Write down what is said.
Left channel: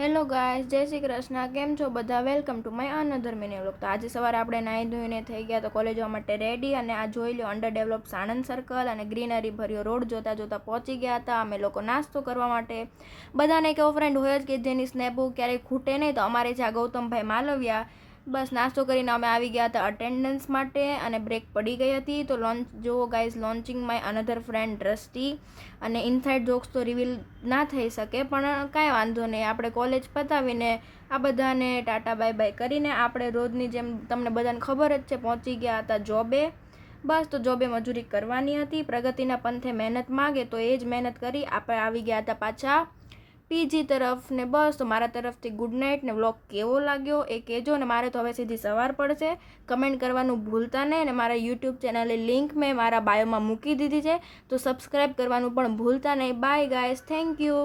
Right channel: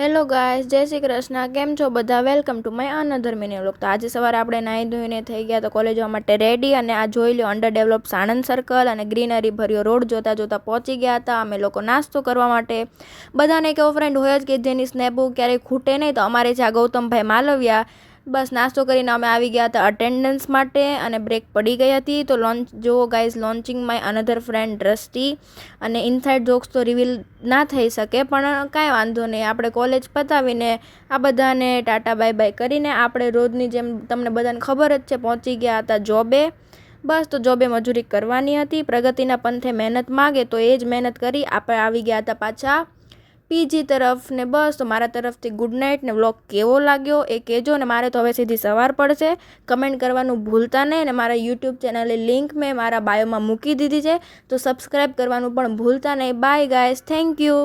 Hello guys, જય શ્રી કૃષ્ણ. કેમ છો બધા? Welcome to my another mini vlog. તો આજે સવારે આપણે નાહી ધોઈને થઈ ગયા તો કોલેજ જવા માટે રેડી, અને આ જોઈ લો અંડર ડેવલપ સાણંદ સર્કલ અને ગ્રીનરી ભર્યો રોડ જોતા જોતા પહોંચી ગયા હતા અમે લોકો નાસ્તો કરવા માટે. બધાને એક એવો ફ્રેન્ડ હોય જ કે જેની સ્નેપો ક્યારેય ખૂટે નહીં, તો અમારે છે આ ગૌતમભાઈ માલવિયા. બસ નાસ્તો કરીને અમે આવી ગયા હતા અટેન્ડન્સ માટે અને બ્રેક પડી ગઈ હતી. તો લોન્ચ જુઓ guys, launching my another friend દ્રષ્ટિ. અને ઇનસાઇડ જોક્સ તો રિવીલ ના થઈ શકે, પણ કાંઈ વાંધો નહીં. આપણે કોલેજ પતાવીને આ બધાને ટાટા બાય બાય કરીને આપણે રોજની જેમ તમને બધાને ખબર જ છે પહોંચી ગયા હતા જોબે. બસ તો જોબે મજૂરી કરવાની હતી. પ્રગતિના પંથે મહેનત માગે તો એ જ મહેનત કરી આપણે આવી ગયા હતા પાછા પીજી તરફ. ને બસ તો મારા તરફથી ગુડ નાઇટ. ને વ્લોગ કેવો લાગ્યો એ કહેજો. ને મારે તો હવે સીધી સવાર પડશે. કમેન્ટ કરવાનું ભૂલતા નહીં. ને મારા યુટ્યુબ ચેનલની લિંક મેં મારા બાયોમાં મૂકી દીધી છે, તો સબસ્ક્રાઈબ કરવાનું પણ ભૂલતા નહીં. Bye guys, thank you.